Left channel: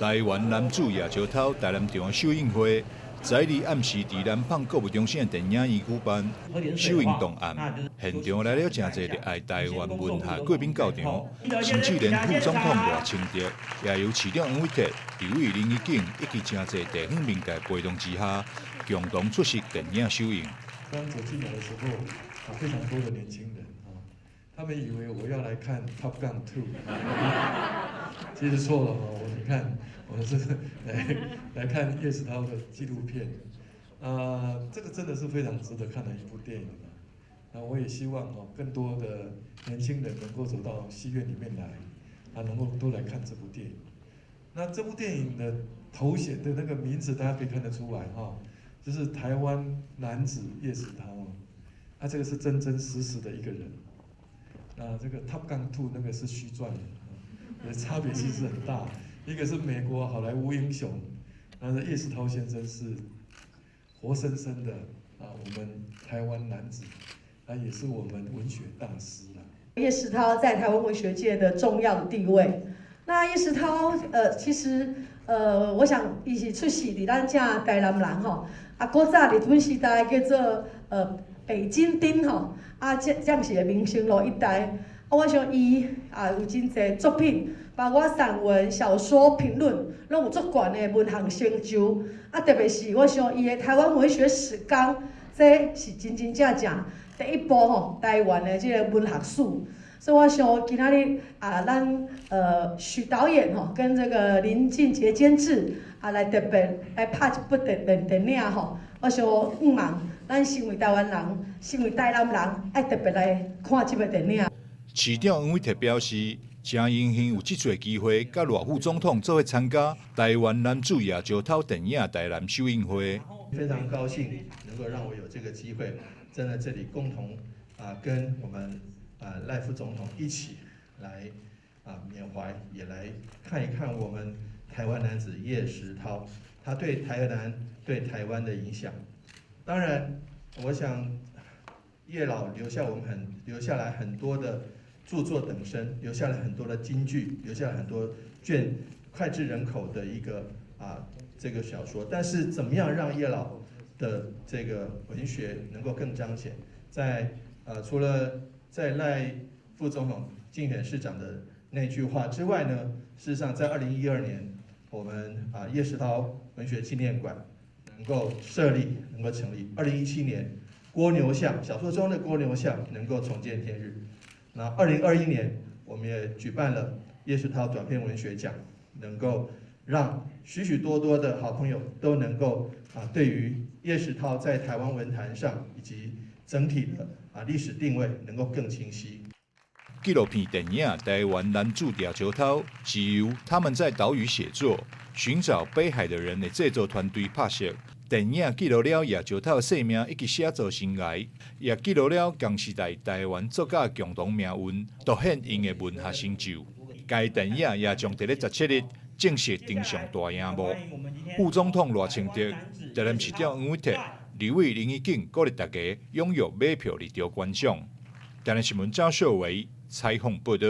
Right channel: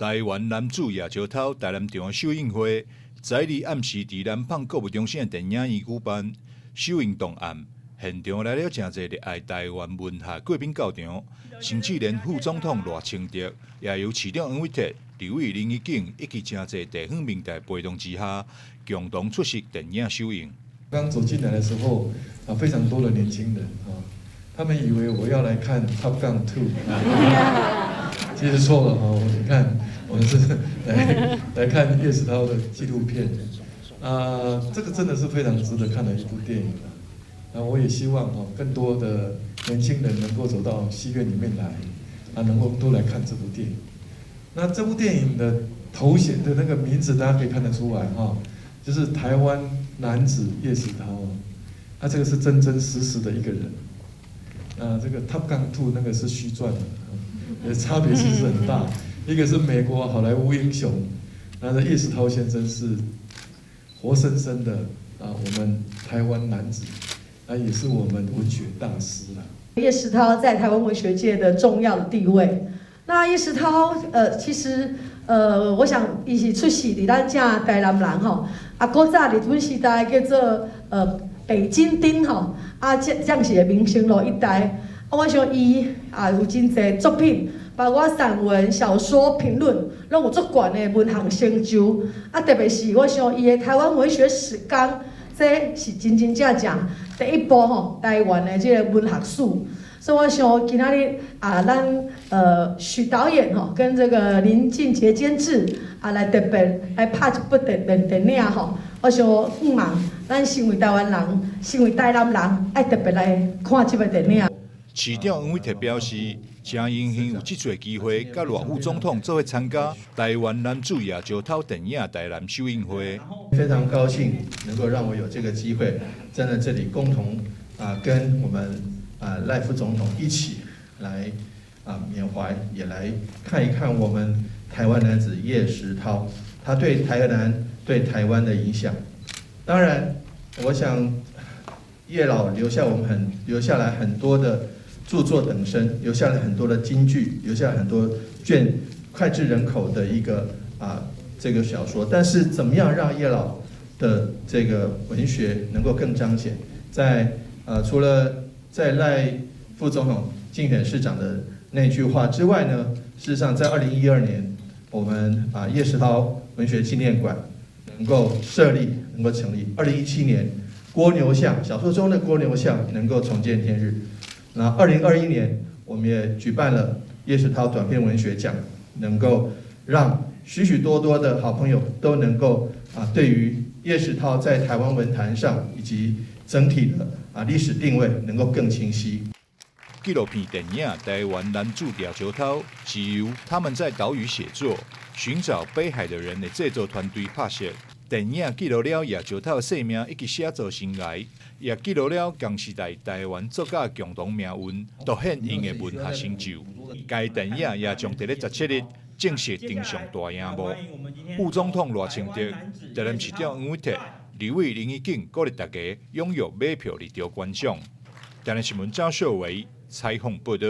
台湾男子夜石头台南场首映会，在日暗时伫南方国务中心电影院举办首映档案。现场来了真侪热爱台湾文学贵宾到场，甚至连副总统赖清德也由市长黄伟哲、刘伟林一景以及真侪地方名家陪同之下，共同出席电影首映。刚走进来的时候，非常多的年轻人他们以为我要来看《Top Gun 2》，其实错了你看，我们是来看叶石涛的纪录片，这个真的是非常值得看的一部电影我也希望更多的年轻人能够走到戏院里面来，能够都来看这部电影。那这部电影的头衔的那个名字，大家可以看得出来就是台湾男子叶石涛他这个是真真实实的一个人。这个 Top Gun 2那个是虚传的，差别其实很大。一个是美国好莱坞英雄，那叶石涛先生是活生生的我们台湾男子，也是我们文学大师叶石涛在台湾文学界的重要地位。那叶石涛其实我想伊是出世伫咱这台南人古早日本时代叫做北京町这样是民生路一带。我想伊有真侪作品，包括散文、小说、评论，拢有足悬的文学成就。特别是我想伊的台湾文学史纲，这是真真正正第一部台湾的这个文学史。所以我想今仔日咱许导演跟这个林俊杰监制来特别来拍一部电影我想毋茫咱身为台湾人，身为台南人，爱特别来看这部电影。市长黄伟哲表示，真荣幸有这次机会，甲赖副总统做伙参加台湾男子夜石头电影台南首映会。非常高兴能够让我有这个机会，站在这里共同跟我们赖副总统一起来缅怀，也来看一看我们台湾男子叶石涛他对台南、对台湾的影响。当然，我想叶老留下来很多的著作等身，留下了很多的金句，留下了很多脍炙人口的一个这个小说。但是怎么样让叶老的这个文学能够更彰显？除了在赖副总统竞选市长的那句话之外呢，事实上在2012年，我们叶石涛文学纪念馆能够设立，能够成立。2017年，蜗牛巷小说中的蜗牛巷能够重见天日。那2021年，我们也举办了叶石涛短篇文学奖，能够让许许多多的好朋友都能够对于叶石涛在台湾文坛上以及整体的历史定位能够更清晰。纪录片电影《台湾男子夜石头》是由他们在岛屿写作、寻找北海的人的制作团队拍摄。电影记录了夜石头的生命以及写作生涯，也记录了同时代台湾作家共同命运，凸显因的文学成就。该电影也将在17日正式登上大荧幕。副总统赖清德、台南市长黄伟哲、刘伟林一景鼓励大家踊跃买票入场观赏。台南新闻张秀维采访报道。